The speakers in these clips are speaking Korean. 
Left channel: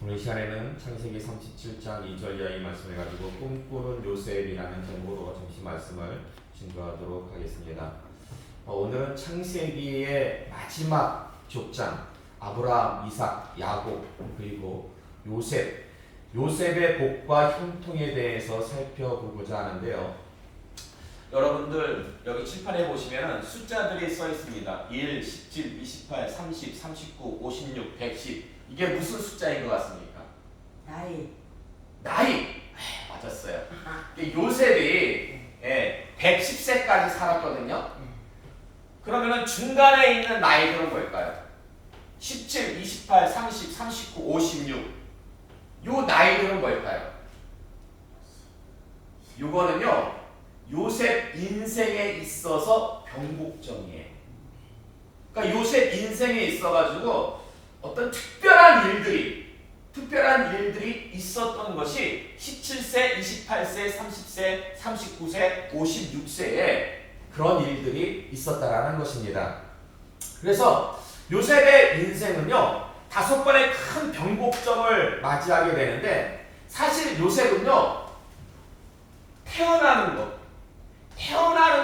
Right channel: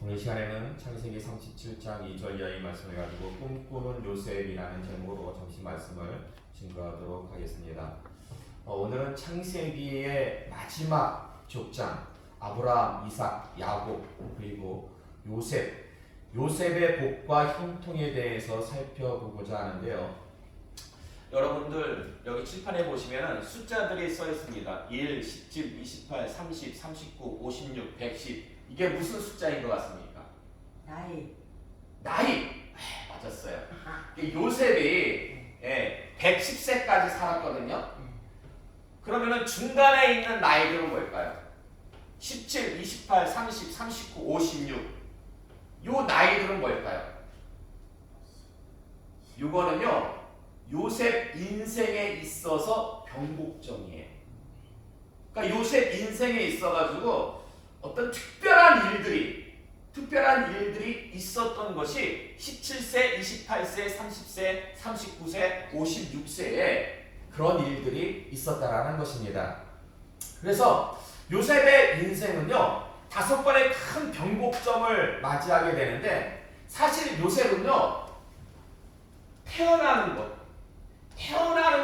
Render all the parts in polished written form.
오늘 시간에는 창세기 37장 2절 이하의 말씀을 가지고 꿈꾸는 요셉이라는 제목으로 잠시 말씀을 증거하도록 하겠습니다. 오늘은 창세기의 마지막 족장 아브라함, 이삭, 야곱 그리고 요셉의 복과 형통에 대해서 살펴보고자 하는데요. 여러분들 여기 칠판에 보시면 숫자들이 써 있습니다. 1, 17, 28, 30, 39, 56, 110 이게 무슨 숫자인 것 같습니까? 나이. 맞았어요. 요셉이 110세까지 살았거든요. 그러면은 중간에 있는 나이들은 뭘까요? 17, 28, 30, 39, 56. 요 나이들은 뭘까요? 요거는요. 요셉 인생에 있어서 변곡점이에요. 그러니까 요셉 인생에 있어가지고 어떤 특별한 일들이 있었던 것이 17세, 28세, 30세, 39세, 56세에 그런 일들이 있었다라는 것입니다. 그래서 요셉의 인생은요 5번의 큰 변곡점을 맞이하게 되는데, 사실 요셉은요 태어나는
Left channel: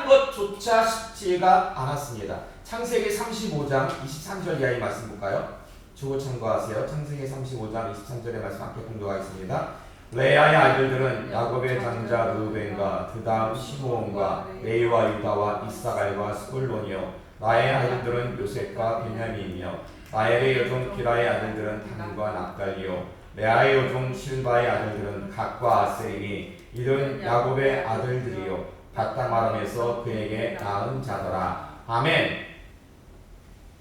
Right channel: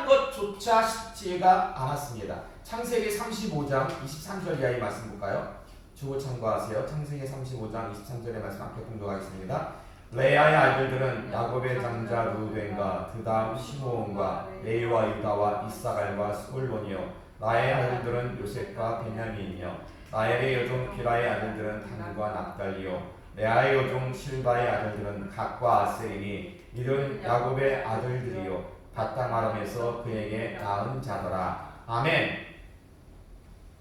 것조차 쉽지가 않았습니다. 창세기 35장 23절 이하의 말씀 볼까요? 주고 참고하세요. 창세기 35장 23절의 말씀 앞에 공독하겠습니다. 레아의 아들들은 야곱의 장자 르우벤과 그 다음 시므온과 레위와 유다와 이사갈과 스불론이요, 나의 아들들은 요셉과 베냐민이며, 라헬의 여종 비라의 아들들은 단과 납달리요, 레아의 여종 실바의 아들들은 갓과 아셀이니 이들은 야곱의 아들들이요 바다마람에서 그에게 낳은 자더라. 아멘.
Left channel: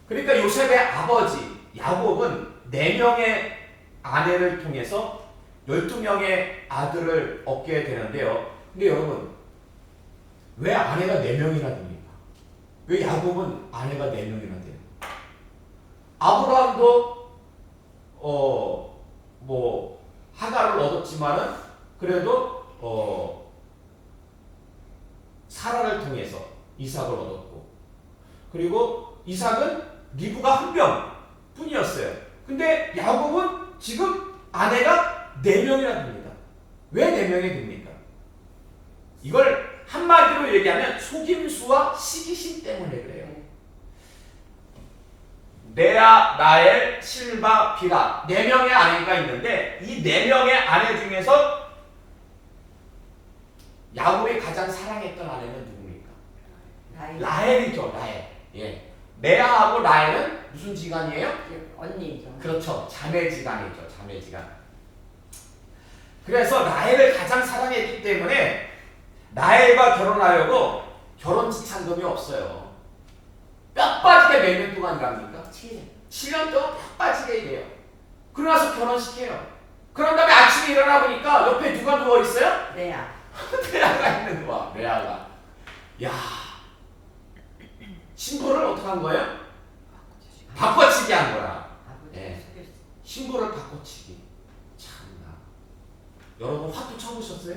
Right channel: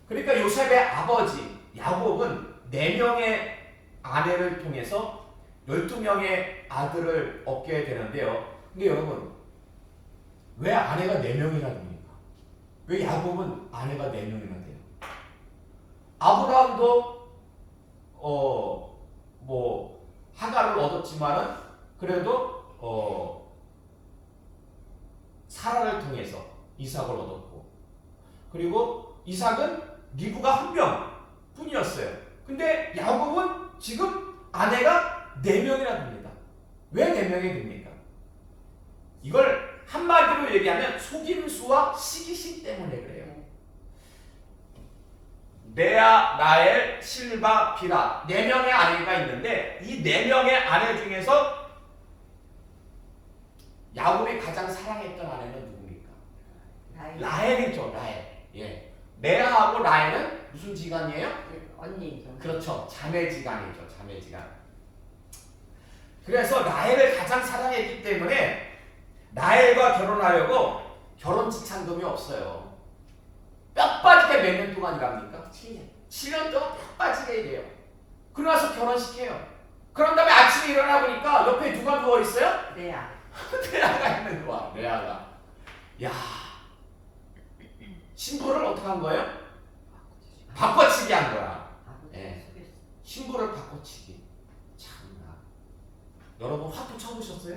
그러니까 요셉의 아버지 야곱은 4명의 아내를 통해서 12명의 아들을 얻게 되는데요. 근데 여러분, 왜 아내가 4명이나 됩니까? 왜 야곱은 아내가 4명이나 돼요? 아브라함도 하가를 얻었지만은 그래도 사라를 통해서 이삭을 얻었고, 그리고 이삭은 리브가 1명 뿐이었어요. 근데 야곱은 지금 아내가 4명이나 됩니다. 왜 4명이 됩니까? 이걸 한마디로 얘기하면 속임수와 시기심 때문에 그래요. 레아, 라헬, 실바, 비라 4명의 아내가 있는데, 이 4명의 아내 중에서 야곱이 가장 사랑했던 아내는 누굽니까? 라헬이죠. 라헬. 레아하고 라헬은 무슨 지간이에요? 언니죠. 그렇죠. 자매지간이죠. 자매지간. 그래서 라헬을 가장 사랑했기 때문에 라헬과 결혼하려고 결혼 지참금이 없어요. 뼈 빠지게 몇 년 동안 일합니까? 7년 동안 뼈 빠지게 일해요. 그러고 나서 결혼시켜요. 그런 다음에 아침에 일어나 보니까 옆에 누가 누워있어요? 레아가 있는 거야. 레아가. 야, 신부를 어떻게 한 거예요? 바꿔치기 한 거야. 신부를 바꿔치기. 참나. 여러분 화투 쳐보셨어요?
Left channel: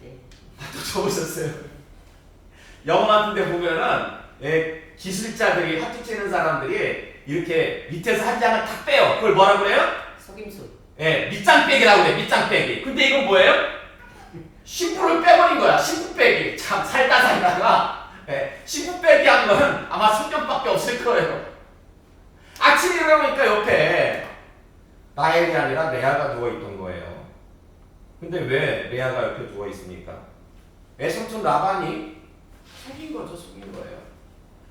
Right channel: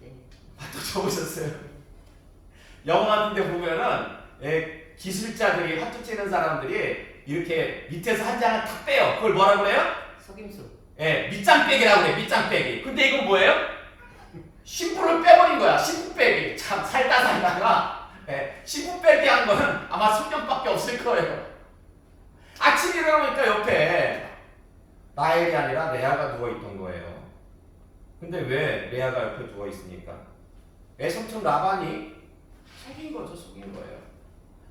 네. 화투 쳐보셨어요? 영화 같은 데 보면은 기술자들이, 화투 치는 사람들이 이렇게 밑에서 한 장을 탁 빼요. 그걸 뭐라 그래요? 속임수. 밑장빼기라고 그래. 밑장빼기. 근데 이건 뭐예요? 신부를 빼버린 거야. 신부 빼기. 참 살다가 신부 빼기 한 거는 아마 성경밖에 없을 거예요. 아침에 일어나니까 옆에 라헬이 아니라 레아가 누워있던 거예요. 근데 왜 레아가 옆에 누워있습니까? 외삼촌 라반이 속인 거죠. 속인 거예요.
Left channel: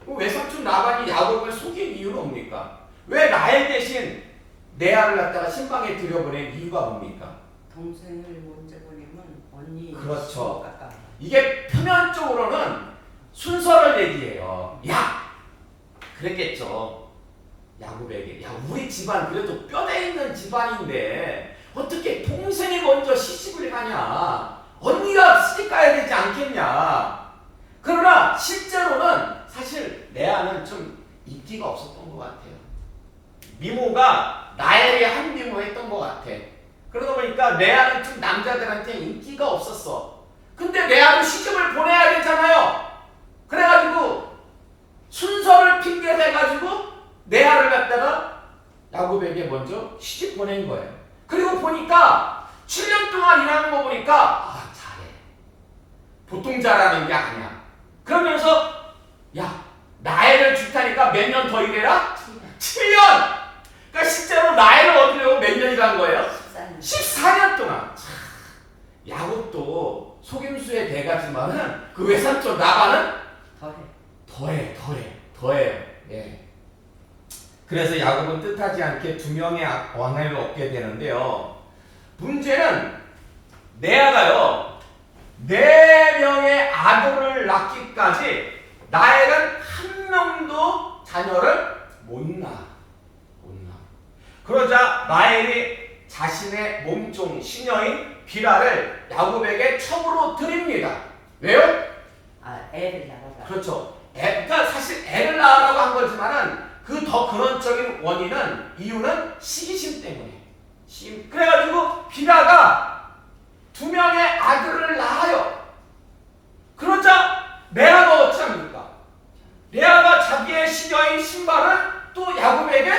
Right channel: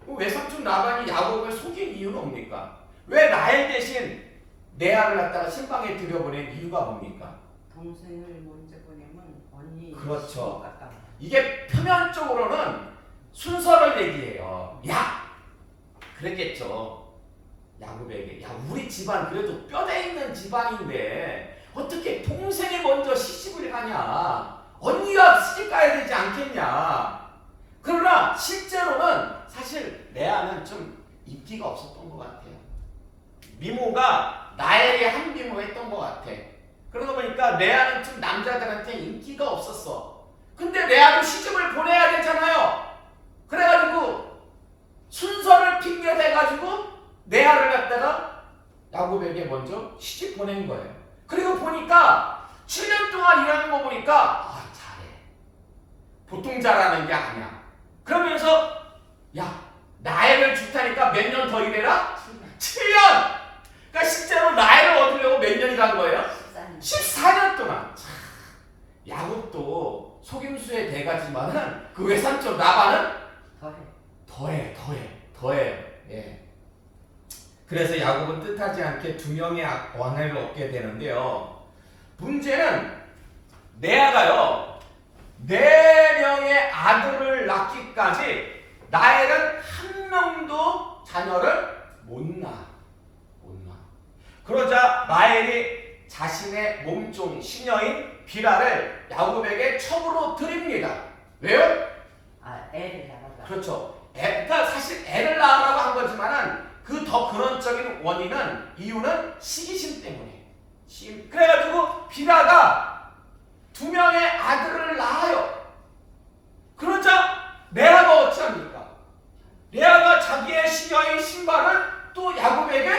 외삼촌 라반이 야곱을 속인 이유는 뭡니까? 왜 라헬 대신 레아를 갖다가 신방에 들여보낸 이유가 뭡니까? 동생을 먼저 보내면 언니. 그렇죠. 이게 표면적으로는 순서를 얘기해요. 그랬겠죠. 야곱에게, 우리 집안 그래도 뼈대 있는 집안인데 어떻게 동생이 먼저 시집을 가냐? 언니가 시집 가야 되지 않겠냐? 그러나 실제로는 사실 레아는 좀 인기가 없었던 것 같아요. 미모가 라헬이 한 미모 했던 것 같아. 그러다 보니까 레아는 좀 남자들한테 인기가 없었어. 근데 레아도 시집을 보내야 되잖아요. 그래가지고 순서를 핑계대가지고 레아를 갖다가 야곱에게 먼저 시집 보낸 거예요. 그리고 보니까 7년 동안 일하는 거 보니까 잘해. 보통 잘하는 게 아니야. 그러면서 야 나이를 줄테니까 몇 년 더 일해라? 7년! 그러니까 실제로 나이를 얻으려고 몇 년 일한 거예요? 14년 동안. 야곱도 속임수의 대가지만은 그 외삼촌 라반은 더해. 예. 그래서 야곱은 뜻하지 않게 두 명의 아내를 얻게 되는데요. 문제는 레아가요 4명의 아들을 낳기까지 라헬은 한 명도 자녀를 못 낳아. 그러자 라헬이 자신의 몸종 시녀인 비라를 야곱에게 첩으로 드립니다. 왜요? 애를 낳아라. 그렇죠. 그러니까 사실 애를 낳으라고 한 거지만은 그 더 근원적인 원인은 이유는 시기심 때문에. 그래가지고 비라가 2명의 아들을 낳아요. 그러자 레아가 어찌합니까? 레아가 자기의 시녀인 신발을 또 야곱에게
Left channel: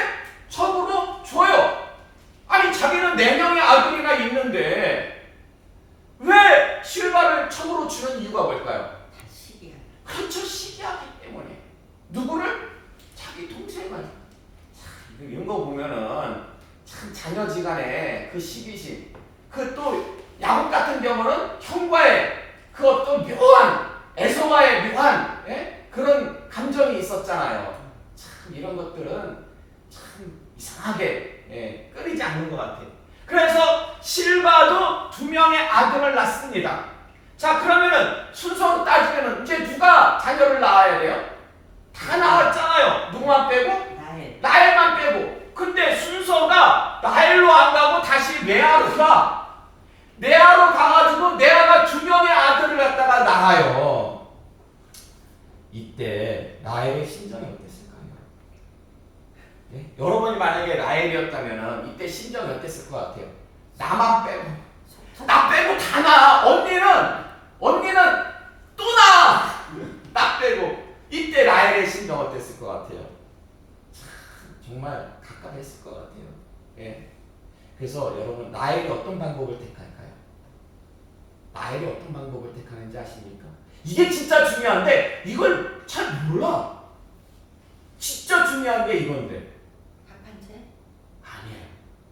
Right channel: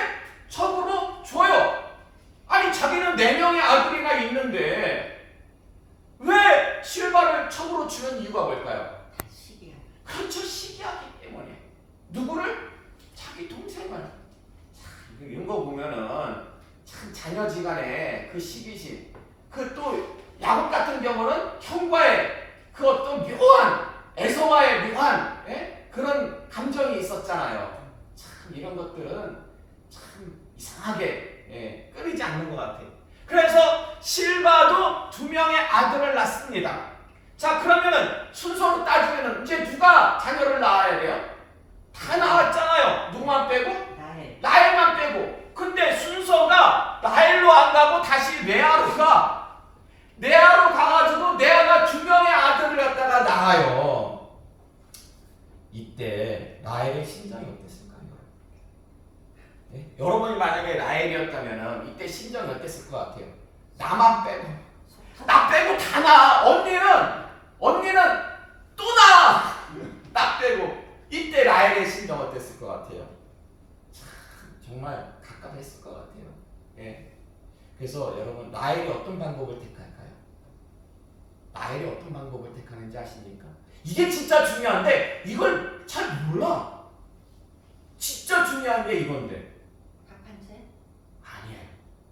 첩으로 줘요. 아니 자기는 4명의 아들이나 있는데 왜 실바를 첩으로 주는 이유가 뭘까요? 그렇죠. 시기하기 때문에. 누구를? 자기 동생을. 이런 거 보면은 참 자녀지간에 그 시기심, 그 또 야곱 같은 경우는 형과의 그 어떤 묘한 에서와의 묘한 그런 감정이 있었잖아요. 참 이런 것들은 참 이상하게 끊이지 않는 것 같아요. 그래서 실바도 2명의 아들을 낳습니다. 자 그러면은 순서로 따지면은 이제 누가 자녀를 낳아야 돼요? 다 낳았잖아요. 누구만 빼고? 라헬만 빼고. 근데 순서가 라헬로 안 가고 다시 레아로 가. 레아로 가가지고 레아가 2명의 아들을 갖다가 낳아요. 이때 라헬의 심정이 어땠을까요? 예? 여러분이 만약에 라헬이었다면은 이때 심정이 어땠을 것 같아요? 나만 빼고. 나 빼고 다 낳아. 언니는 또 낳아. 나 빼고. 이때 라헬의 심정 어땠을 것 같아요? 참 정말 갑갑했을 것 같아요. 예. 그래서 여러분 라헬이 어떤 방법을 택할까요? 라헬이 어떤 방법을 택하는지 아십니까? 이게 진짜 중요한데 이걸 잘 몰라. 진짜 중요한 게 이건데. 합한채? 아니에요.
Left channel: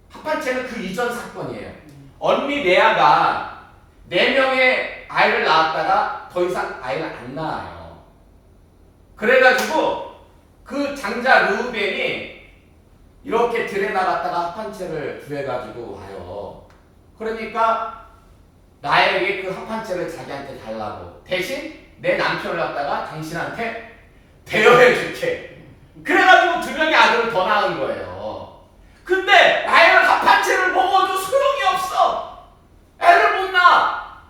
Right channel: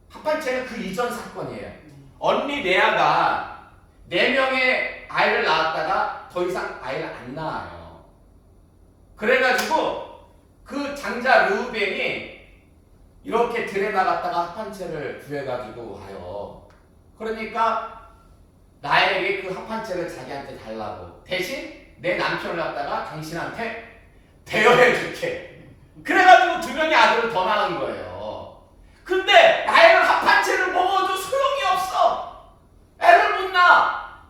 합한채는 그 이전 사건이에요. 언니 레아가 4명의 아이를 낳았다가 더 이상 아이를 안 낳아요. 그래가지고 그 장자 르우벤이 이렇게 들에 나갔다가 합한채를 구해가지고 와요. 그러니까 나에게 그 합한채를 자기한테 달라고. 대신 내 남편을 갖다가 당신한테 대여해줄게. 그래가지고 2명의 아들을 더 낳은 거예요. 근데 나에는 합한채를 먹어도 소용이 없어. 애를 못 낳아.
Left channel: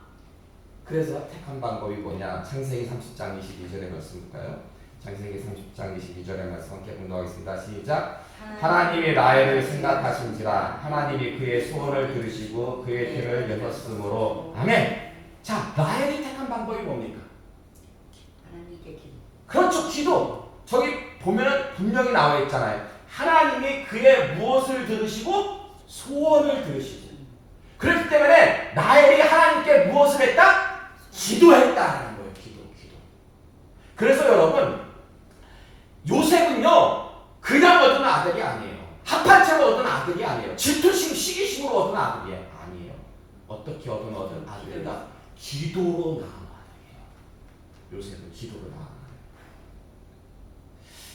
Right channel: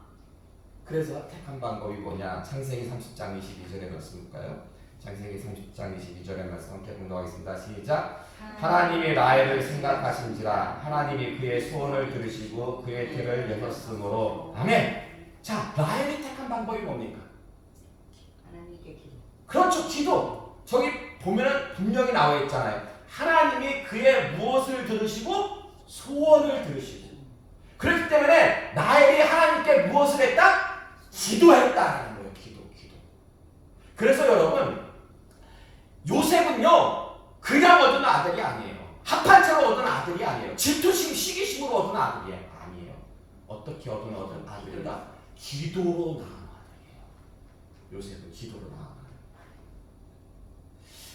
그래서 택한 방법이 뭐냐? 창세기 30장 22절에 말씀일까요? 창세기 30장 22절의 말씀 함께 공독하겠습니다. 시작. 하나님이 라헬을 생각하신지라 하나님이 그의 소원을 들으시고 그의 태를 여셨으므로. 아멘. 자, 라헬이 택한 방법이 뭡니까? 하나님께 기도. 그렇죠. 기도. 저기 보면은 분명히 나와 있잖아요. 하나님이 그의 무엇을 들으시고 소원을 들으시고. 그렇기 때문에 라헬이 하나님께 무엇을 했다? 기도했다라는 거예요. 기도. 그래서 여러분 요셉은요 그냥 얻은 아들이 아니에요. 합한채로 얻은 아들이 아니에요. 질투심, 시기심으로 얻은 아들이 아니에요. 어떻게 얻은 아들이다? 기도로 낳은 아들이에요. 요셉은 기도로 낳은 아들.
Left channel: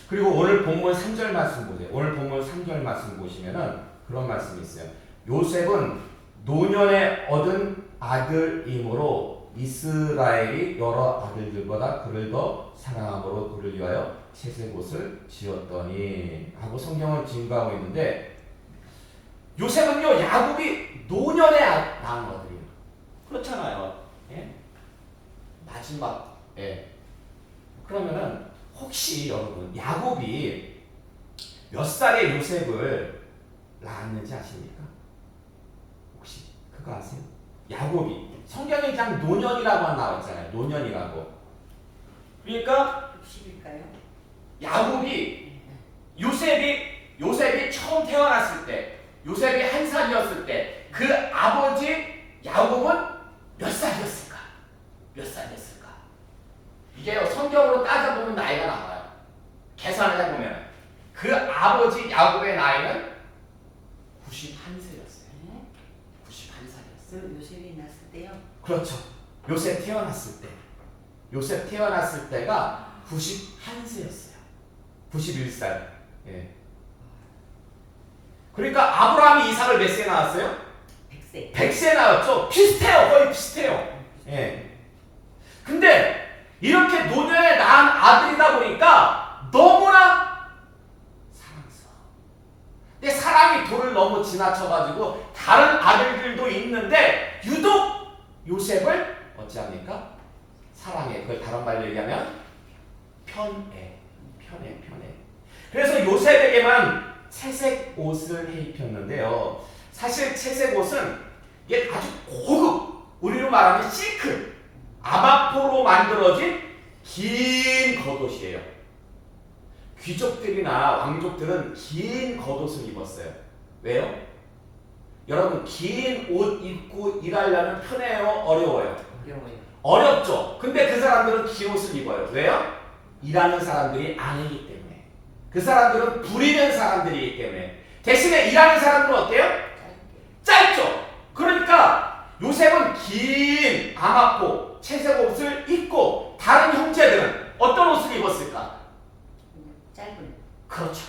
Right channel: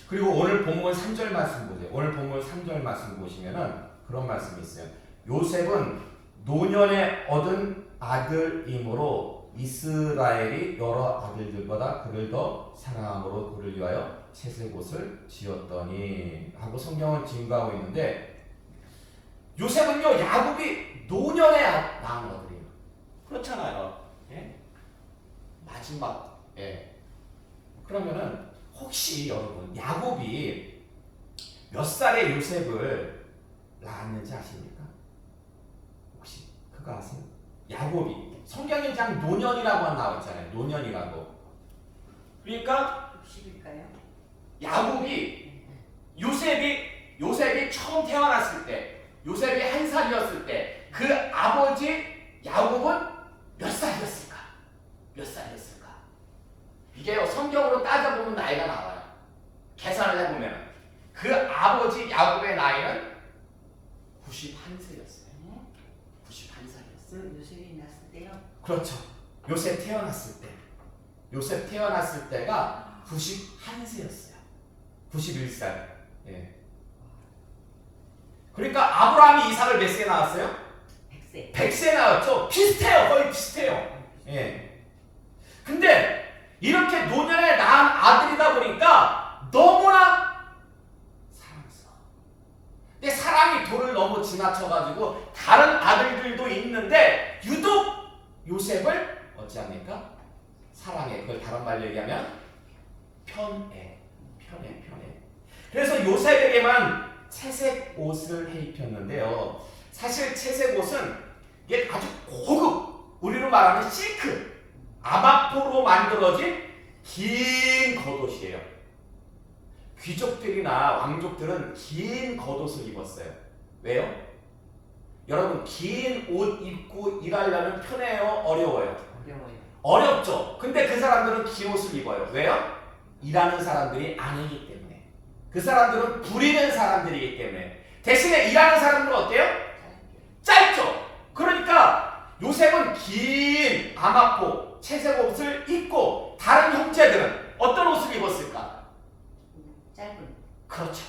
그리고 오늘 본문 3절 말씀 보세요. 오늘 본문 3절 말씀 보시면은 그런 말씀이 있어요. 요셉은 노년에 얻은 아들이므로 이스라엘이 여러 아들들보다 그를 더 사랑함으로 그를 위하여 채색옷을 지었더니 하고 성경은 증거하고 있는데 요셉은요 야곱이 노년에 낳은 아들이에요. 그렇잖아요. 예? 마지막. 예. 그러면은 혹시 여러분 야곱이 몇 살에 요셉을 낳았는지 아십니까? 혹시 그거 아세요? 야곱이 성경에 그냥 노년이라고 나와 있잖아요. 노년이라고. 그러니까 60일까요? 야곱이 요셉이 처음 태어났을 때 요셉이 한 살이었을 때 그 아버지 야곱은 몇 살이었을까? 몇 살이었을까? 이게요, 성경으로 따져보면 나이가 나와요. 계산을 해보면 그 아버지 야곱의 나이는 91세였어요. 91살이었어요. 요셉이 났을 때요? 그렇죠. 요셉 태어났을 때. 요셉 태어났을 때가 91세였어요. 91살. 예. 그러니까 아브라함이 이삭을 몇 세에 낳았어요? 100세. 100세에 낳았죠. 비슷해요. 거의 비슷해요. 예. 근데 이렇게 노년에 낳은 아들이다 보니까 너무나 사랑스러워. 근데 사랑이 도를 너무 지나쳐가지고 다른 아들들도 있는데 유독 요셉을 어찌합니까? 사랑해. 그걸 다른 말로 얘기하면 편애. 그래서 요셉에게만 채색 옷을 해 입혔는데요. 사실 채색 옷은 이게 아주 고급, 우리로 말하면 실크, 아마포로 만들어진 긴 겉옷이에요. 귀족들이나 왕족들은 긴 겉옷을 입었어요. 왜요? 여러분, 긴 옷 입고 일하려면 편해요? 어려워요? 어렵죠. 근데 그 사람들은 긴 옷을 입어요. 왜요? 일하는 사람들이 아니기 때문에. 그 사람들은 부리는 사람들이기 때문에. 대신에 일하는 사람들은 어때요? 짧죠. 그러니까 요셉은 긴 아마포 채색 옷을 입고 다른 형제들은 어떤 옷을 입었을까? 짧은. 그렇죠.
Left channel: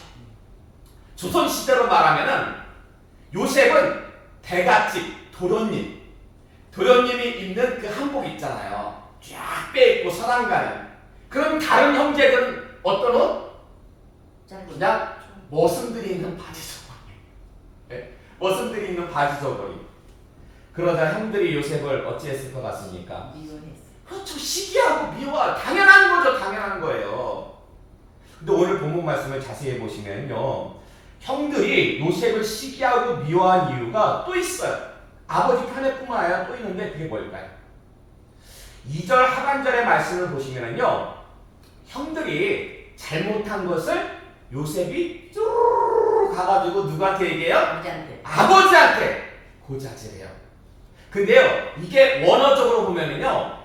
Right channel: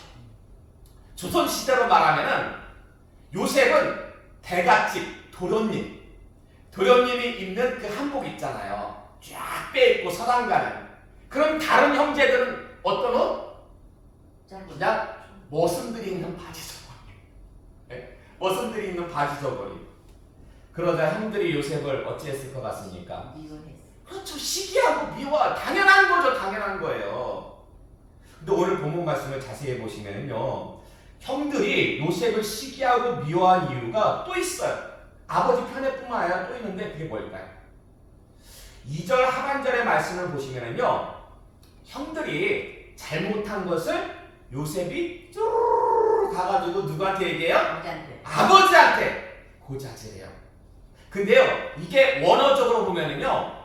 조선 시대로 말하면은 요셉은 대갓집 도련님이 입는 그 한복 있잖아요. 쫙 빼입고 서당 가는. 그럼 다른 형제들은 어떤 옷? 그냥 머슴들이 있는 바지 저고리. 네? 머슴들이 있는 바지 저고리. 그러자 형들이 요셉을 어찌했을 것 같습니까? 미워했어. 그렇죠. 시기하고 미워. 당연한 거죠. 당연한 거예요. 근데 오늘 본문 말씀을 자세히 보시면요, 형들이 요셉을 시기하고 미워한 이유가 또 있어요. 아버지 편애뿐만 아니라 또 있는데 그게 뭘까요? 2절 하반절의 말씀을 보시면요, 형들이 잘못한 것을 요셉이 쭈르르 가가지고 누구한테 얘기해요? 아버지한테 고자질해요. 근데요, 이게 원어적으로 보면은요,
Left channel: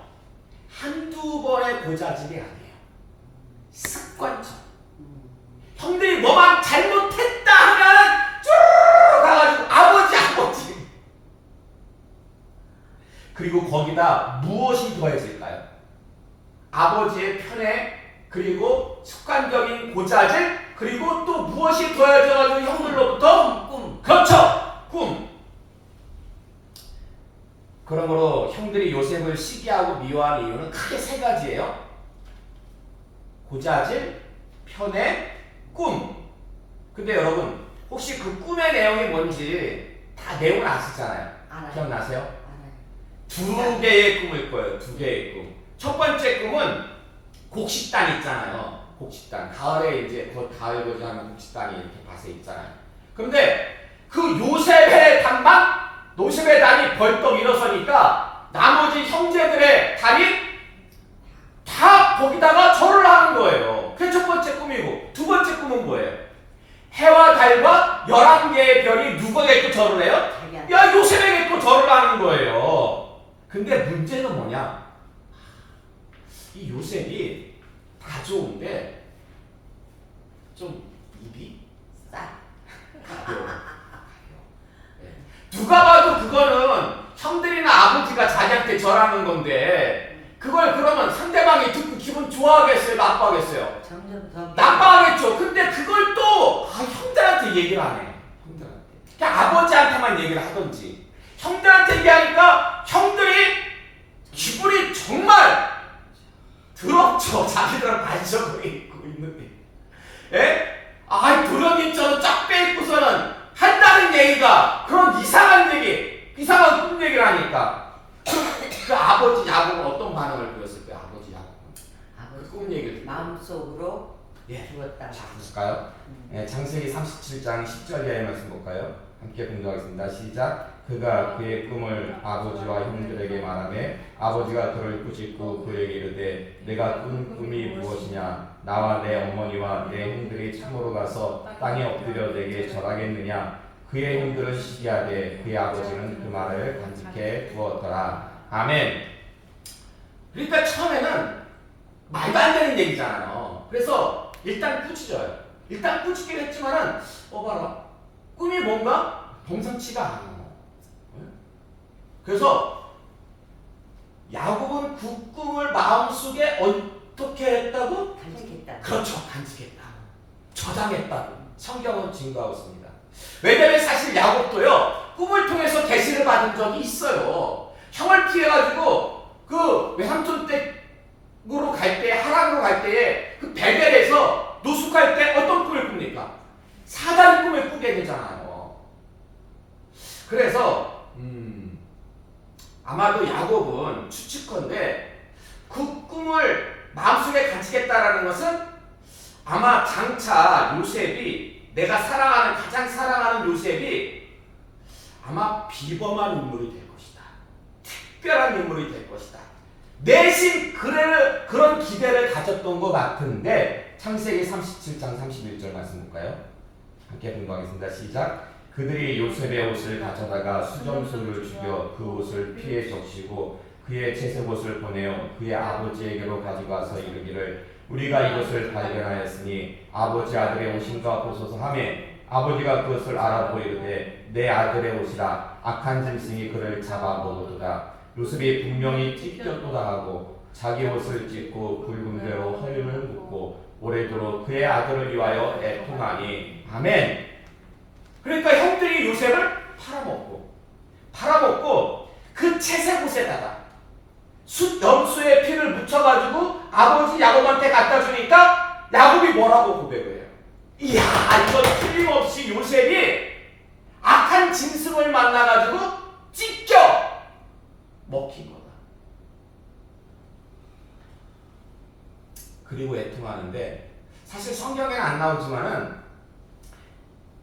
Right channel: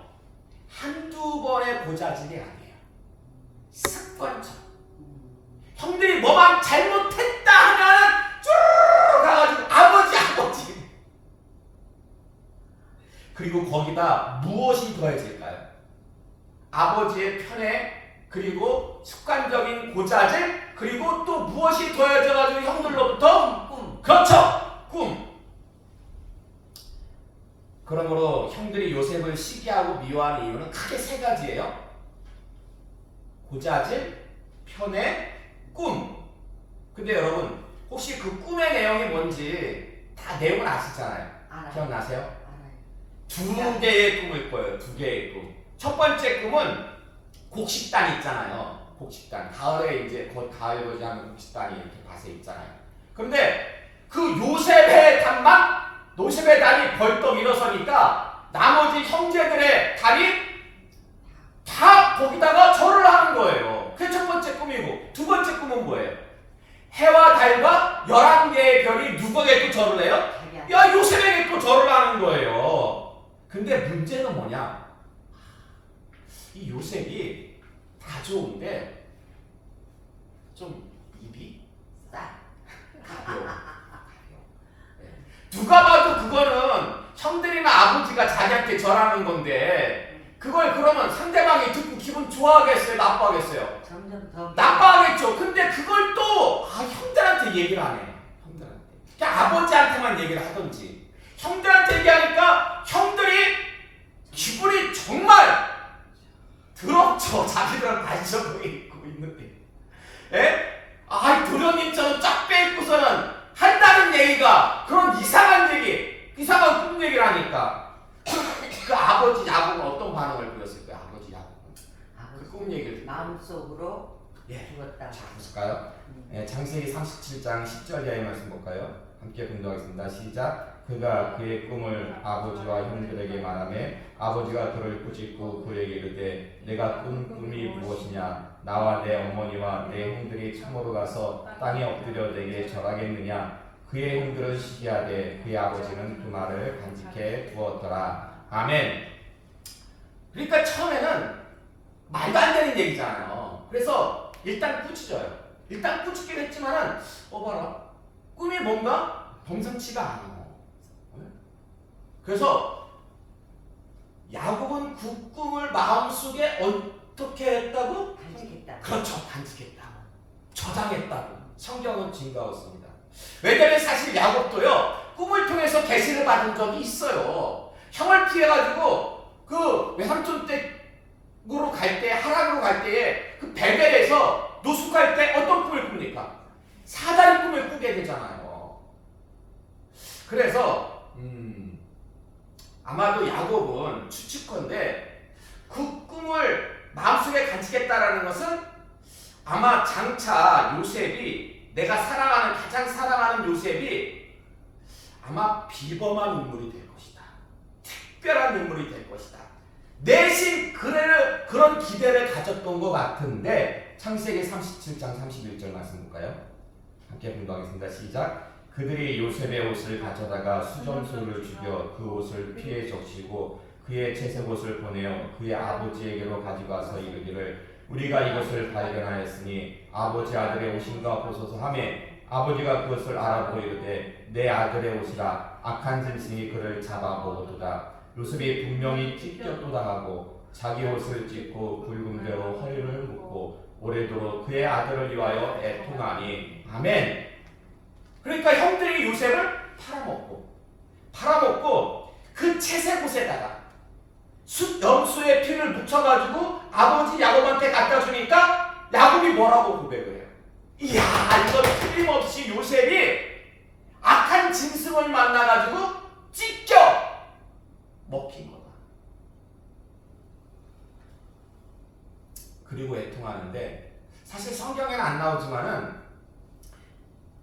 한두 번의 고자질이 아니에요. 습관처럼. 형들이 뭐만 잘못했다 하면은 쭈르르 가가지고 아버지. 그리고 거기다 무엇이 더해질까요? 아버지의 편애, 그리고 습관적인 고자질, 그리고 또 무엇이 더해져가지고 형들로부터 꿈. 그렇죠. 꿈. 그러므로 형들이 요셉을 시기하고 미워하는 이유는 크게 세 가지예요. 고자질, 편애, 꿈. 근데 여러분, 혹시 그 꿈의 내용이 뭔지 다 내용은 아시잖아요. 기억나세요? 두 개의 꿈을 꿔요. 두 개의 꿈. 첫 번째 꿈은 곡식단 있잖아요. 곡식단. 가을에 이제 곧 가을 거지하면 곡식단이 이렇게 밭에 있잖아요. 그런데 그 요셉의 단이 벌떡 일어서니까 나머지 형제들의 단이 다 거기다가 절을 하는 거예요. 그게 첫 번째 꿈이고, 두 번째 꿈은 뭐예요? 해와 달과 11개의 별이 누구에게 또 절을 해요? 야, 요셉에게 또 절을 하는 거예요. 근데 문제는 뭐냐? 이 요셉이 다 좋은데 좀 입이 가벼워. 네. 누가 봐도 그거는 형들이나 아버지가 자기한테 절하는 건데 그걸 그러면 상대방이 듣고 기분 좋아하겠어요? 나빠하겠어요? 점점 더 나빠하겠죠. 근데 그걸 또 형들한테 얘기를 안 해. 형들한테. 그냥 아버지한테만 얘기를 하던지. 형들한테 얘기하니까 형들이 기분이 정말 더럽죠. 자기들은 반석으로 입고 있는데. 예? 도련님처럼 쫙 빼입고서는 한다는 얘기가 그런 이상한 얘기, 이상한 꿈 얘기를 하니까 그 아버지 야곱은 어떤 반응을 보였을 거예요? 아버지 야곱은 그 꿈 얘기를 마음속으로 죽었다. 자, 보실까요? 창세기 37장 10절 이하의 말씀 볼까요? 함께 공부하겠습니다. 시작. 그가 그의 꿈을 아버지와 형들에게 말하매 아버지가 그를 꾸짖고 그에게 이르되 내가 꾼 꿈이 무엇이냐? 나와 내 어머니와 내 형들이 참으로 가서 땅에 엎드려 내게 절하겠느냐? 그의 형들은 시기하되 그의 아버지는 그 말을 간직해 두었더라. 아멘. 그러니까 처음에는 말도 안 되는 얘기잖아요. 그래서 일단 꾸짖어요. 일단 꾸짖긴 했지만은 봐라, 꿈이 뭔가 범상치가 않아. 그래서 야곱은 그 꿈을 마음속에 어떻게 했다고? 간직했다. 그렇죠. 간직했다. 저장했다고 성경은 증거하고 있습니다. 왜냐하면 사실 야곱도요, 꿈을 통해서 계시를 받은 적이 있어요. 형을 피해가지고 그 외삼촌 댁으로 갈 때, 하란으로 갈 때에 그 베델에서 노숙할 때 어떤 꿈을 꿉니까? 사단 꿈을 꾸게 되잖아요. 그래서 아마도 야곱은 추측컨대 그 꿈을 마음속에 간직했다라는 것은 아마 장차 요셉이, 내가 사랑하는, 가장 사랑하는 요셉이 아마 비범한 인물이 될 것이다. 특별한 인물이 될 것이다. 내심 그런 기대를 가졌던 것 같은데, 창세기 37장 31절 말씀 볼까요? 함께 공부하겠습니다. 시작. 그들이 요셉의 옷을 가져다가 수점소를 죽여 그 옷을 피에 적시고 그의 채색 옷을 보내어 그의 아버지에게로 가지고 와서 이르기를 우리가 이것을 발견하였으니 아버지 아들의 옷인가 보소서 하매 아버지가 그것을 알아보고 이르되 내 아들의 옷이라 악한 짐승이 그를 잡아 먹었도다. 요셉이 분명히 찢겨도 당하고 자기 옷을 찢고 굵은 배로 허리를 묶고 오래도록 그의 아들을 위하여 애통하니. 아멘. 그러니까 형들이 요셉을 팔아먹고 그 채색 옷에다가 염소의 피를 묻혀가지고 아버지 야곱한테 갖다 주니까 야곱이 뭐라고 고백을 해요? 이야, 이건 틀림없이 요셉이 악한 짐승을 만나가지고 찢겨 먹힌 거다. 그리고 애통하는데, 사실 성경에는 안 나오지만은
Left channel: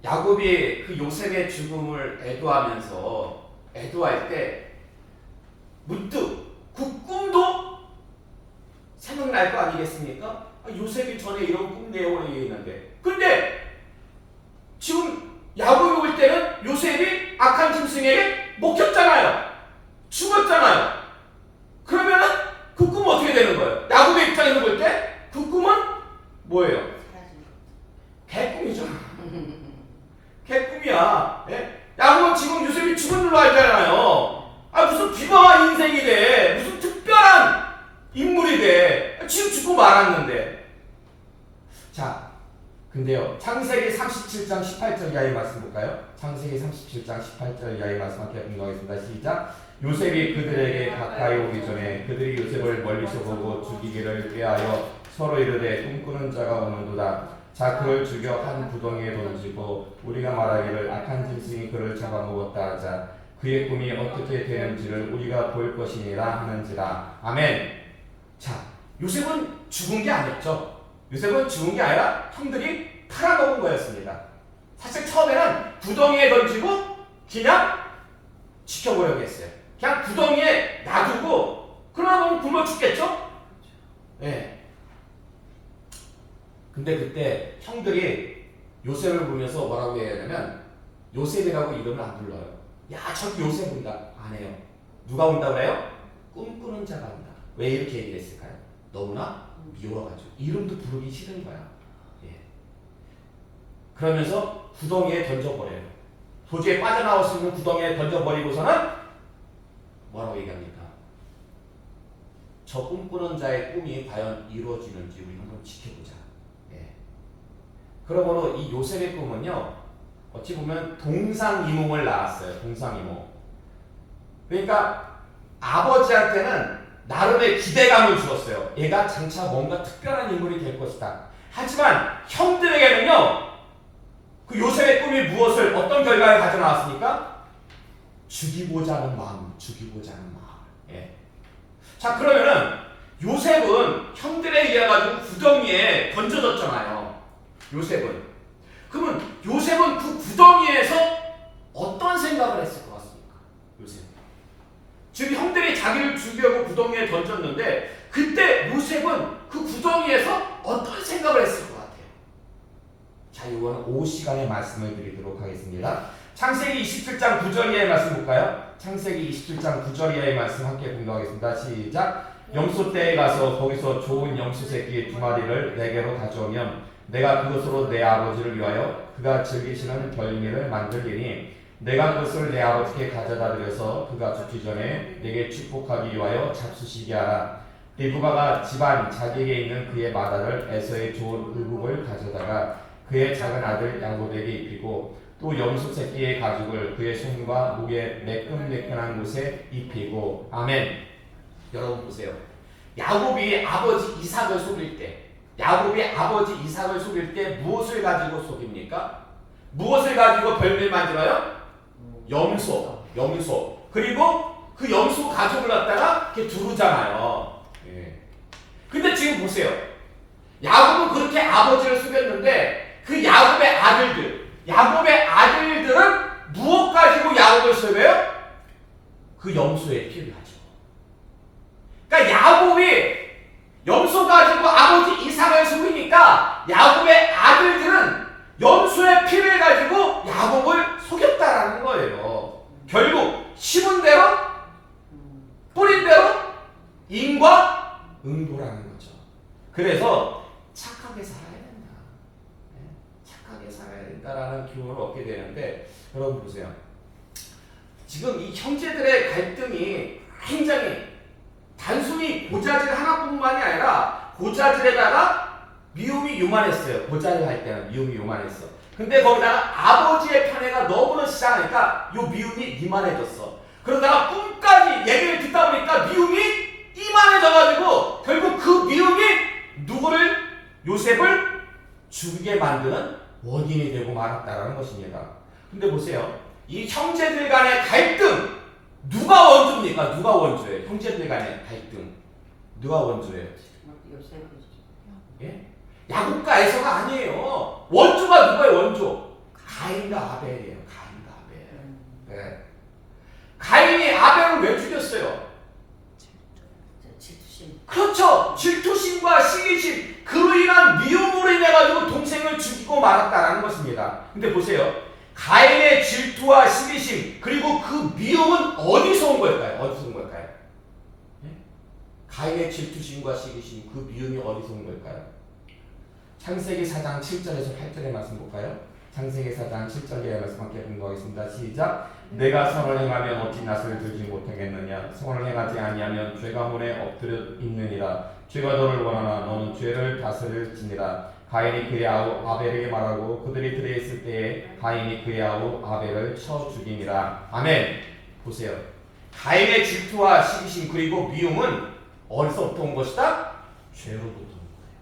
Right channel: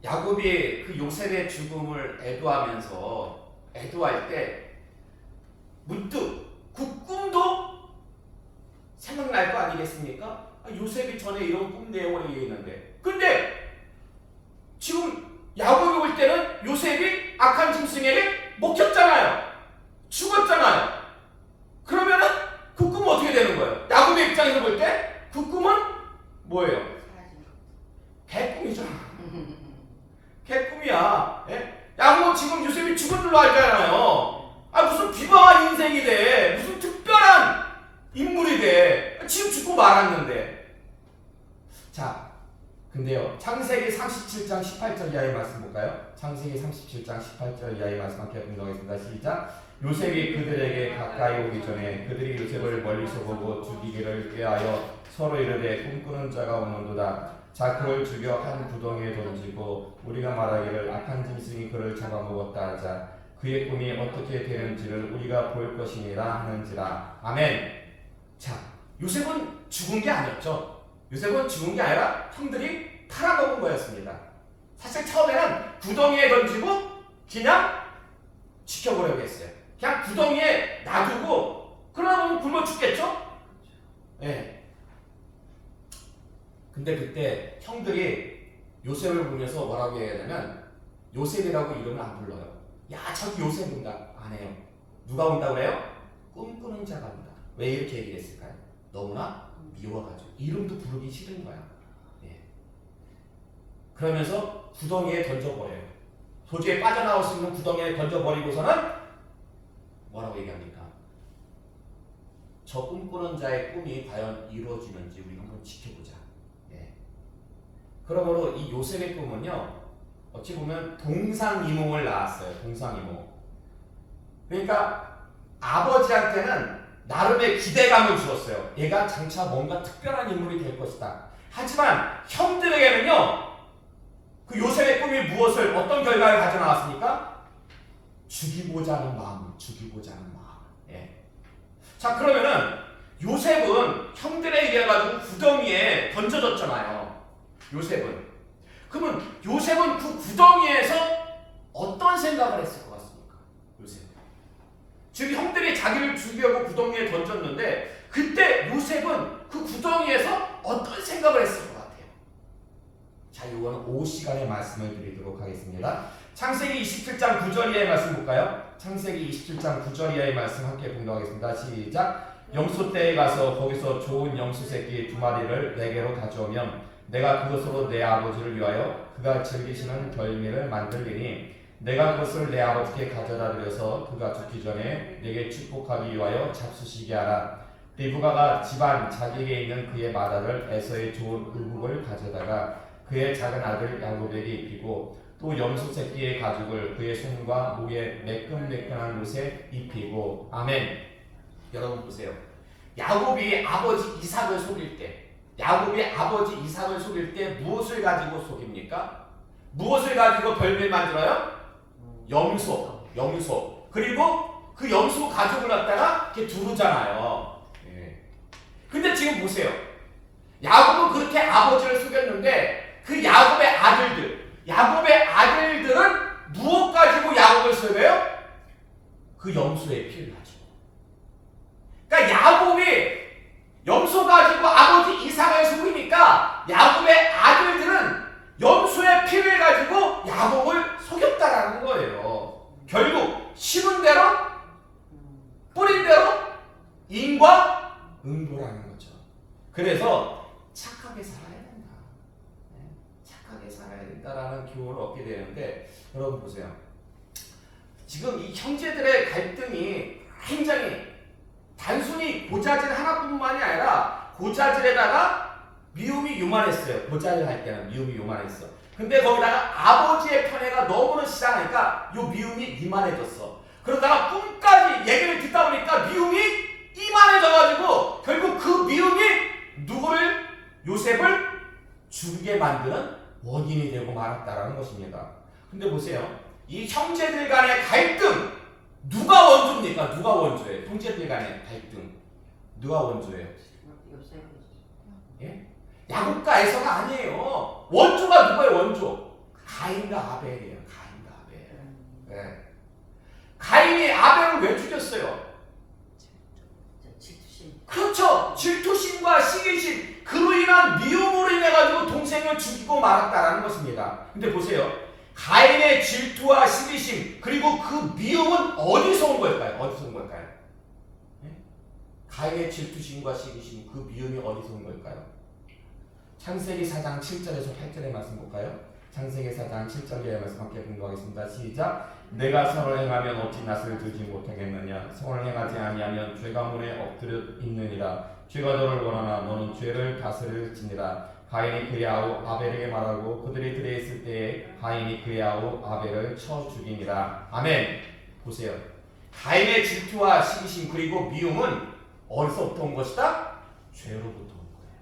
야곱이 그 요셉의 죽음을 애도할 때 문득 그 꿈도 생각날 거 아니겠습니까? 요셉이 전에 이런 꿈 내용을 얘기했는데, 근데 지금 야곱이 올 때는 요셉이 악한 짐승에게 먹혔잖아요. 죽었잖아요. 그러면은 그 꿈은 어떻게 되는 거예요? 야곱의 입장에서 볼 때 그 꿈은 뭐예요? 개꿈이잖아. 개꿈이야. 예? 야곱은 지금 요셉이 죽은 줄로 알잖아요. 무슨 비범한 인생이 돼. 무슨 특별한 인물이 돼. 지금 죽고 말았는데. 자, 근데요, 창세기 37장 18절 이하의 말씀 볼까요? 창세기 37장 18절 이하의 말씀 함께 공부하겠습니다. 시작. 요셉이 그들에게 가까이 오기 전에 그들이 요셉을 멀리서 보고 죽이기를 꾀하여 서로 이르되 꿈꾸는 자가 오는도다. 자, 그를 죽여 한 구덩이에 던지고 우리가 말하기를 악한 짐승이 그를 잡아먹었다 하자. 그의 꿈이 어떻게 되는지를 우리가 볼 것이니라 하는지라. 아멘. 자, 요셉은 죽은 게 아니었죠. 요셉은 죽은 게 아니라 형들이 팔아먹은 거였습니다. 사실 처음에는 구덩이에 던지고 그냥 지켜보려고 했어요. 그냥 구덩이에 놔두고 그러다 보면 굶어 죽겠죠? 네. 근데 그때 형들이 요셉을 보면서 뭐라고 해야 되냐면, 요셉이라고 이름을 안 불러요. 야, 저기 요셉 온다. 안 해요. 누가 온다 그래요? 꿈꾸는 자가 온다. 왜 이렇게 얘기를 했을까요? 너무나 미워가지고 이름도 부르기 싫은 거야. 예. 그러면서 구덩이에 던져버려요. 도저히 빠져나올 수 있는 구덩이에 던져버리고서는 뭐라고 얘기합니까? 저 꿈꾸는 자의 꿈이 과연 이루어지는지 우리 한번 지켜보자. 예. 그러므로 이 요셉의 꿈은요, 어찌 보면 동상이몽을 낳았어요. 동상이몽. 그러니까 아버지한테는 나름의 기대감을 주었어요. 얘가 장차 뭔가 특별한 인물이 될 것이다. 하지만 형들에게는요, 그 요셉의 꿈이 무엇을, 어떤 결과를 가져 나왔습니까? 죽이고자 하는 마음. 예. 자, 그러면은 요셉은 형들에 의해 가지고 구덩이에 던져졌잖아요. 그러면 요셉은 그 구덩이에서 어떤 생각을 했을 것 같습니까? 요셉은 지금 형들이 자기를 죽이려고 구덩이에 던졌는데, 그때 요셉은 그 구덩이에서 어떤 생각을 했을 것 같아요? 자, 이거는 오후 시간에 말씀을 드리도록 하겠습니다. 창세기 27장 9절 이하의 말씀 볼까요? 창세기 27장 9절 이하의 말씀 함께 공부하겠습니다. 시작. 염소떼에 가서 거기서 좋은 염소 새끼 2마리를 내게로 가져오면 내가 그것으로 내 아버지를 위하여 그가 즐기시는 별미를 만들리니 내가 그것을 내 아버지께 가져다 드려서 그가 죽기 전에 내게 축복하기 위하여 잡수시게 하라. 리브가가 집안 자기에게 있는 그의 마다를 에서의 좋은 의복을 가져다가 그의 작은 아들 야곱에게 입히고 또 염소 새끼의 가죽을 그의 손과 목에 매끈매끈한 곳에 입히고. 아멘. 여러분 보세요. 야곱이 아버지 이삭을 속일 때, 무엇을 가지고 속입니까? 무엇을 가지고 별미를 만들어요? 염소. 그리고 그 염소 가죽을 갖다가 이렇게 두르잖아요. 예. 근데 지금 보세요. 야곱은 그렇게 아버지를 속였는데 그 야곱의 아들들은 무엇 가지고 야곱을 속여요? 그 염소의 피를 가지고. 그러니까 야곱이 염소 가지고 아버지 이삭을 속이니까 야곱의 아들들은 염소의 피를 가지고 야곱을 속였다라는 거예요. 결국 심은 대로 뿌린 대로 인과 응보라는 거죠. 그래서 착하게 살아야 된다. 착하게 살아야 된다라는 교훈을 얻게 되는데, 여러분 보세요. 지금 이 형제들의 갈등이 굉장히 단순히 고자질 하나뿐만이 아니라 고자질에다가 미움이 요만했어요. 고자질 할 때는 미움이 요만했어. 근데 거기다가 아버지의 편애가 너무나 시작하니까 요 미움이 이만해졌어. 그러다가 꿈까지 얘기를 듣다 보니까 미움이 이만해져가지고 결국 그 미움이 누구를, 요셉을 죽게 만드는 원인이 되고 말았다라는 것입니다. 근데 보세요. 이 형제들 간의 갈등, 누가 원주입니까? 누가 원주예요? 형제들 간의 갈등 누가 원주예요? 예? 야곱과 에서가 아니에요. 원주가 누구예요? 원주 가인과 아벨이에요. 가인과 아벨. 네. 가인이 아벨을 왜 죽였어요? 질투심. 그렇죠. 질투심과 시기심, 그로 인한 미움으로 인해 가지고 동생을 죽이고 말았다라는 것입니다. 근데 보세요. 가인의 질투와 시기심, 그리고 그 미움은 어디서 온 걸까요? 어디서 온 걸까요? 예? 가인의 질투심과 시기심, 그 미움이 어디서 온 걸까요? 창세기 4장 7절에서 8절의 말씀 볼까요? 창세기 4장 7절의 말씀 함께 공부하겠습니다. 시작. 내가 선을 행하면 어찌 낯을 들지 못하겠느냐? 선을 행하지 아니하면 죄가 문에 엎드려 있느니라. 죄가 너를 원하나 너는 죄를 다스릴지니라. 가인이 그의 아우 아벨에게 말하고 그들이 들에 있을 때에 가인이 그의 아우 아벨을 쳐 죽이니라. 아멘. 보세요. 가인의 질투와 시기심 그리고 미움은 어디서부터 온 것이다? 죄로부터 온 거예요.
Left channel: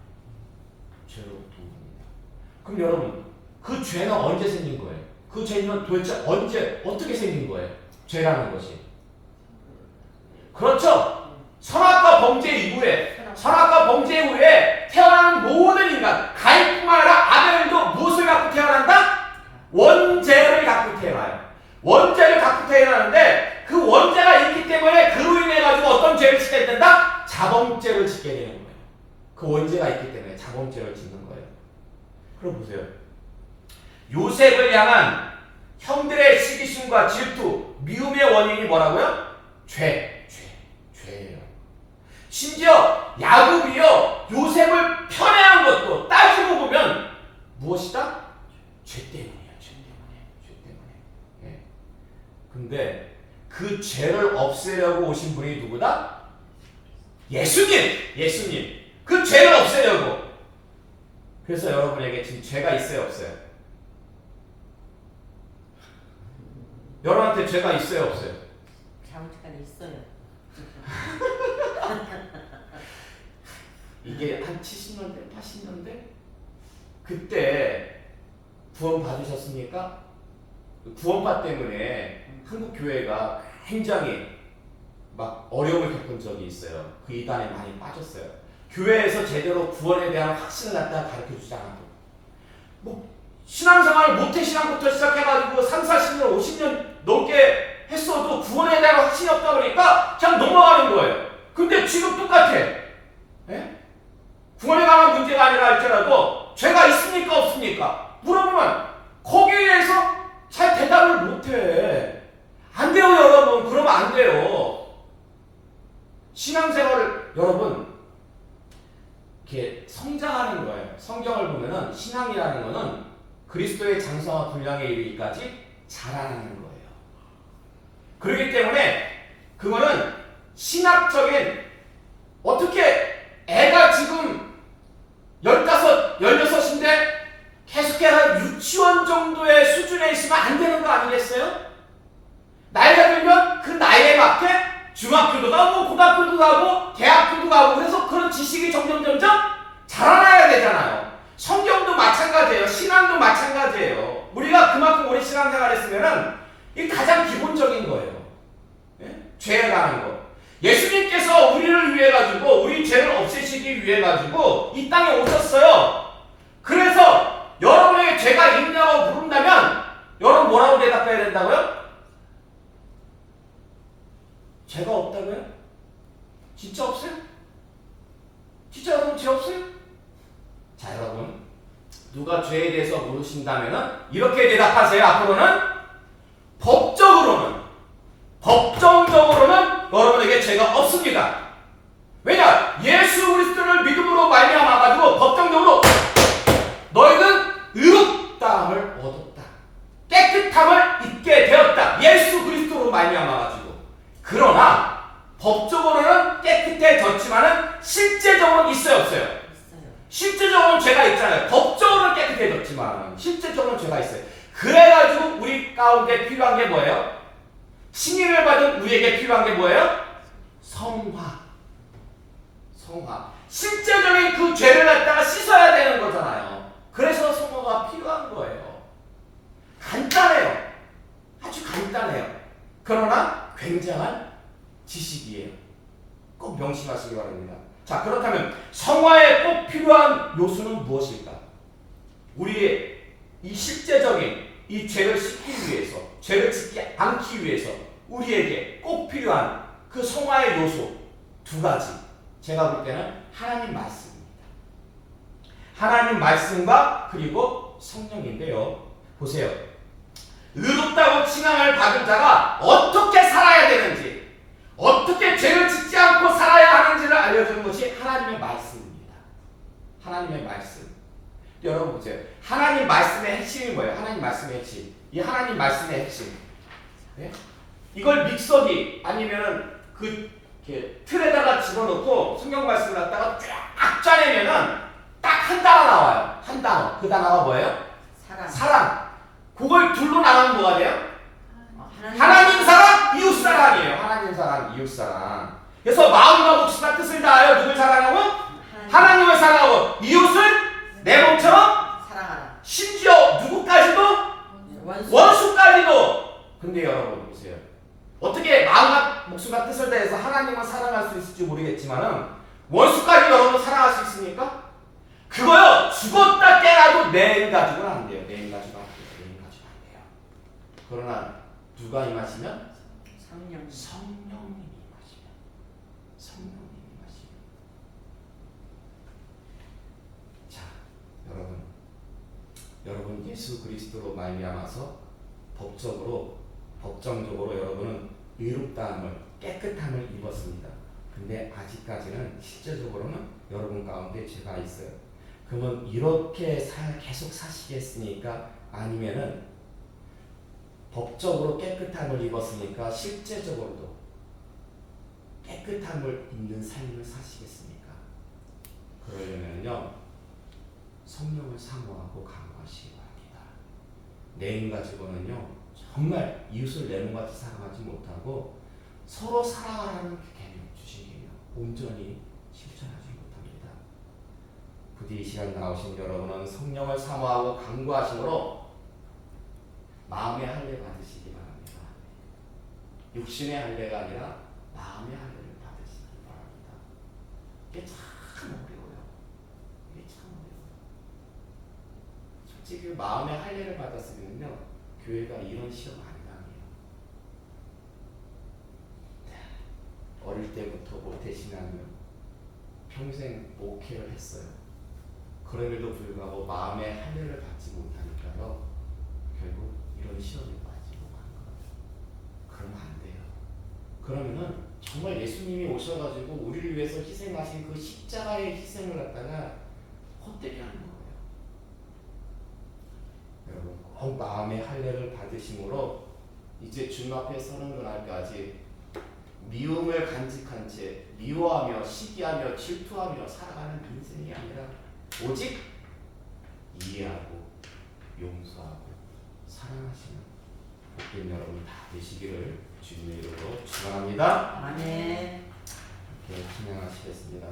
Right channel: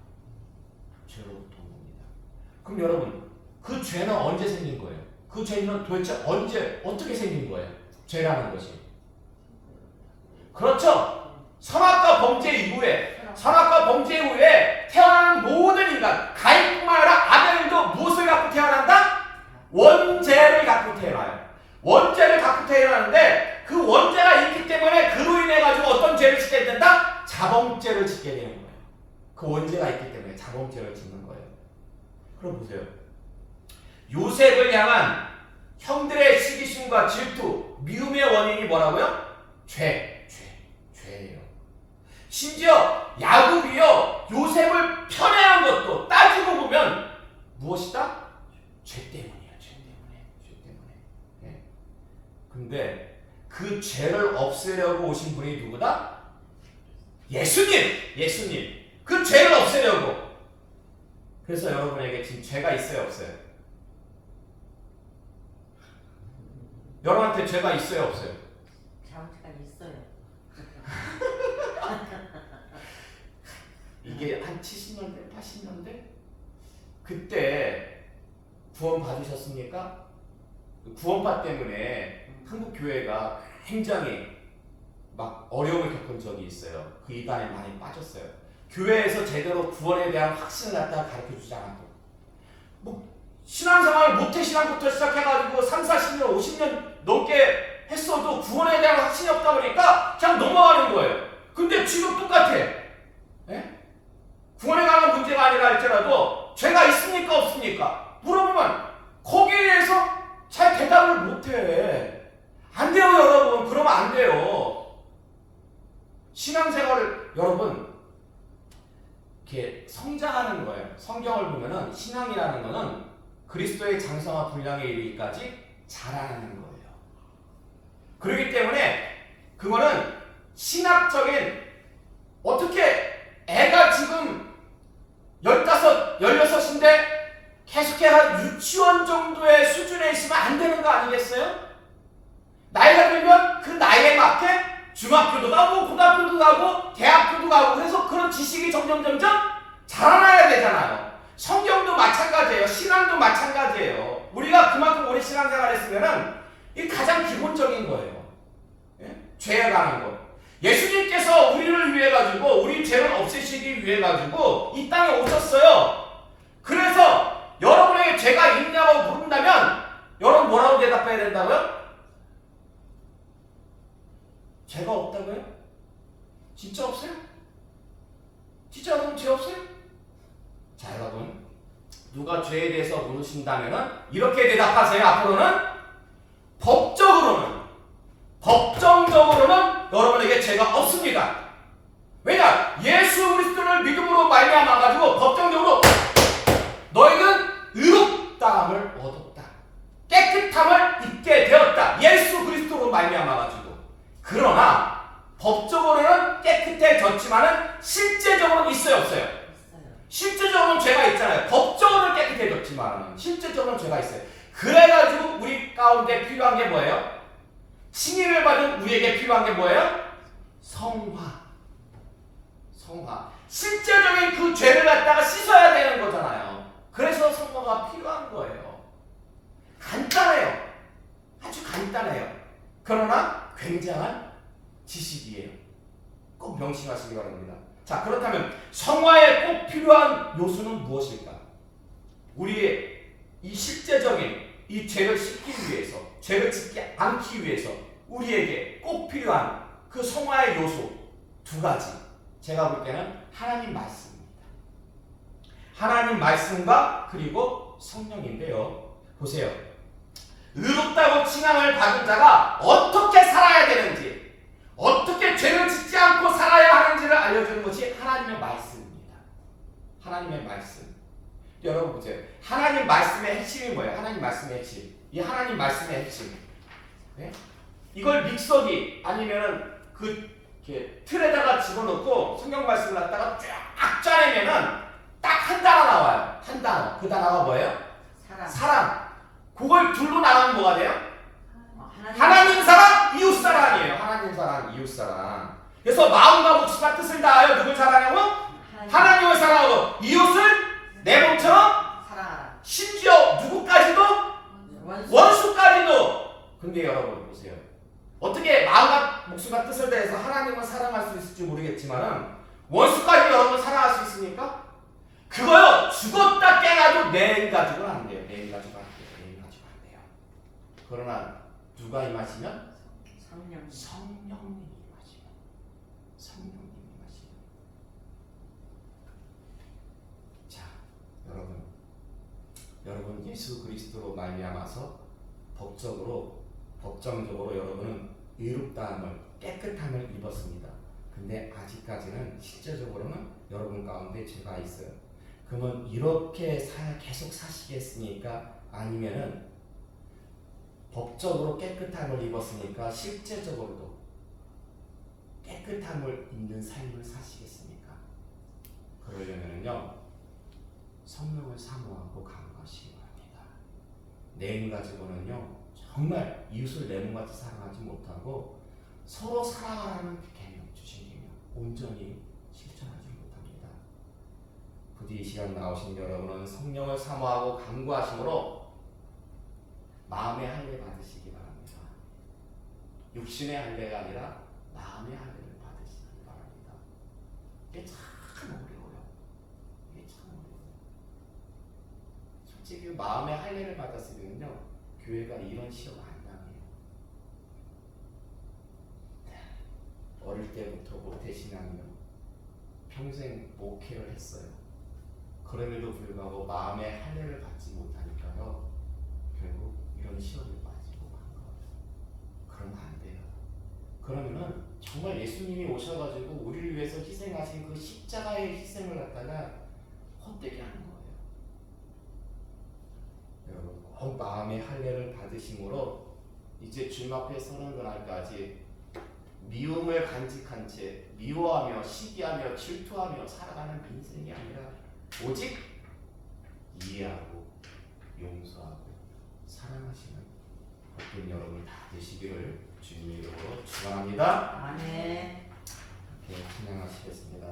죄로부터 온 겁니다. 그럼 여러분, 그 죄는 언제 생긴 거예요? 그 죄는 도대체 언제, 어떻게 생긴 거예요? 죄라는 것이. 그렇죠. 선악과 범죄 이후에 태어나는 모든 인간, 가인뿐만 아니라 아벨도 무엇을 갖고 태어난다? 원죄를 갖고 태어나요. 원죄를 갖고 태어나는데 그 원죄가 있기 때문에 그로 인해 가지고 어떤 죄를 짓게 된다? 자범죄를 짓게 되는 거예요. 그 원죄가 있기 때문에 자범죄를 짓는 거예요. 그럼 보세요. 요셉을 향한 형들의 시기심과 질투, 미움의 원인이 뭐라고요? 죄예요. 심지어 야곱이요, 요셉을 편애한 것도 따지고 보면 무엇이다? 죄 때문이야. 죄 때문에. 예. 근데 그 죄를 없애려고 오신 분이 누구다? 예수님. 그 죄를 없애려고. 그래서 여러분에게 지금 죄가 있어요, 없어요? 여러분한테 죄가 있어요, 없어요? 잘못한 있어요. 이게 한 70년대, 80년대? 그때 구원 받으셨습니까? 구원파 때문에 한국 교회가 굉장히 막 어려움을 겪은 적이 있어요. 그 이단에 많이 빠졌어요. 교회에서 제대로 구원에 대한 확신을 갖다가 가르쳐주지 않았고, 뭐 신앙생활을 모태신앙부터 시작해가지고 3, 40년, 50년 넘게 했어도 구원에 대한 확신이 없다 보니까 그냥 넘어가는 거예요. 근데 지금 똑같아. 예? 구원에 관한 문제가 아니라 할지라도 죄가 있습니까 없습니까? 물어보면 거기에 대해서 잘 대답을 못해. 안 돼요, 여러분. 그러면 안 돼요. 신앙생활을 여러분 이렇게 성장하는 거예요. 성경을 보면은 신앙이라는 거는 그리스도의 장성과 분량에 이르기까지 자라나는 거예요. 그렇기 때문에 그거는 신학적인 어떻게 애가 지금 15, 16인데 계속해서 유치원 정도의 수준에 있으면 안 되는 거 아니겠어요? 나이가 들면 그 나이에 맞게 중학교도 가고 고등학교도 가고 대학교도 가고 그래서 그런 지식이 점점 자라나야 되잖아요. 성경도 마찬가지예요. 신앙도 마찬가지예요. 우리가 그만큼 오래 신앙생활 했으면은 이 가장 기본적인 거예요. 예? 죄에 관한 거. 예수님께서 우리를 위해 가지고 우리 죄를 없애시기 위해 가지고 이 땅에 오셨어요. 그래서 여러분에게 죄가 있냐고 물은다면 여러분 뭐라고 대답해야 된다고요? 죄가 없다고요? 진짜 없어요? 진짜 여러분 죄 없어요? 자, 여러분 누가 죄에 대해서 모르신다면은 이렇게 대답하세요. 앞으로는 법정적으로는 여러분에게 죄가 없습니다. 왜냐? 예수 그리스도를 믿음으로 말미암아 가지고 법정적으로 너희는 의롭다함을 얻었다. 깨끗함을 입게 되었다. 예수 그리스도로 말미암아 가지고. 그러나 법적으로는 깨끗해졌지만은 실제적으로는 있어요, 없어요? 있어요. 실제적으로는 죄가 있잖아요. 법적으로는 깨끗해졌지만 실제적으로는 죄가 있어요. 그래가지고 우리 가운데 필요한 게 뭐예요? 칭의를 받은 우리에게 필요한 게 뭐예요? 성화. 실제적인 그 죄를 갖다가 씻어야 되는 거잖아요. 그래서 성화가 필요한 거예요. 간단해요. 아주 간단해요. 그러나 굉장한 지식이에요. 꼭 명심하시기 바랍니다. 자, 그렇다면 성화에 꼭 필요한 요소는 무엇일까? 우리의 이 실제적인 이 죄를 씻기 위해서, 죄를 짓지 않기 위해서 우리에게 꼭 필요한 그 성화의 요소 두 가지. 제가 볼 때는 하나님 말씀입니다. 하나님 말씀과 그리고 성령인데요. 보세요. 의롭다고 칭함을 받은 자가 어떻게 살아야 되는지, 어떻게 죄를 짓지 않고 살아야 하는지를 알려주는 것이 하나님의 말씀입니다. 하나님의 말씀. 여러분 보세요. 하나님 말씀의 핵심이 뭐예요? 하나님 말씀의 핵심. 이 하나님 말씀의 핵심. 네? 이걸 믹서기 아니면은 그 틀에다가 집어넣고 성경 말씀을 갖다가 쫙 짜내면은 딱 한 단어 나와요. 한 단어. 그 단어가 뭐예요? 사랑. 그걸 둘로 나누면 뭐가 돼요? 하나님 사랑, 이웃 사랑이에요. 하나님 사랑, 이웃 사랑. 그래서 마음과 목숨과 뜻을 다하여 누굴 사랑하고? 하나님을 사랑하고 이웃을 내 몸처럼 사랑하라. 심지어 누구까지도? 원수까지도. 근데 여러분 보세요. 어떻게 마음과 목숨과 뜻을 다해서 하나님을 사랑할 수 있을지 모르겠지만은 원수까지 여러분 사랑할 수 있습니까? 그거요. 죽었다 깨나도 내 가지고는 안 돼요. 내 가지고 안 돼요. 내 가지고 안 돼요. 그러나 누가 임하시면? 성령님이 임하시면. 성령님이 임하시면. 자, 여러분 예수 그리스도로 말미암아서 법정적으로 여러분은 의롭다함을, 깨끗함을 입었습니다. 근데 아직까지는 실제적으로는 여러분 가운데 죄가 있어요. 그러면 이렇게 계속 사시겠습니까? 아니면은 법적으로 깨끗함을 입었으니까 실제적으로도 깨끗함을 입는 삶을 사시겠습니까? 그러려면요 성령을 사모하고 강구하시기 바랍니다. 내 힘 가지고는요 정말 이웃을 내 몸같이 사랑하지 못하고 서로 사랑하라는 개념, 주신 개념 온전히 실천하지 못합니다. 부디 이 시간 나오신 여러분은 성령을 사모하고 강구하심으로 마음의 할례 받으시기 바랍니다. 육신의 할례가 아니라 마음의 할례를 받으시기 바랍니다. 이게 참 어려워요. 솔직히 마음의 할례를 받았으면요 교회가 이런 시험 안 당해요. 어릴 때부터 모태신앙이요 평생 목회를 했어요. 그럼에도 불구하고 마음의 할례를 받지 못하니까요 결국 이런 여러분 시험에 빠지고 간 거예요. 그러면 안 돼요. 그러면은 정말 예수님이 오셔가지고 우리를 위해서 희생하신 그 십자가의 희생을 갖다가 헛되게 하는 거예요. 여러분 꼭 마음의 할례를 받으심으로 이제 주님 앞에 서는 그날까지 미움을 간직한 채 미워하며 시기하며 질투하며 살아가는 인생이 아니라 오직 이해하고 용서하고 사랑하시는 복된 여러분 다 되시기를 주님의 이름으로 축원합니다. 아멘. 이렇게 찬양하시겠습니다.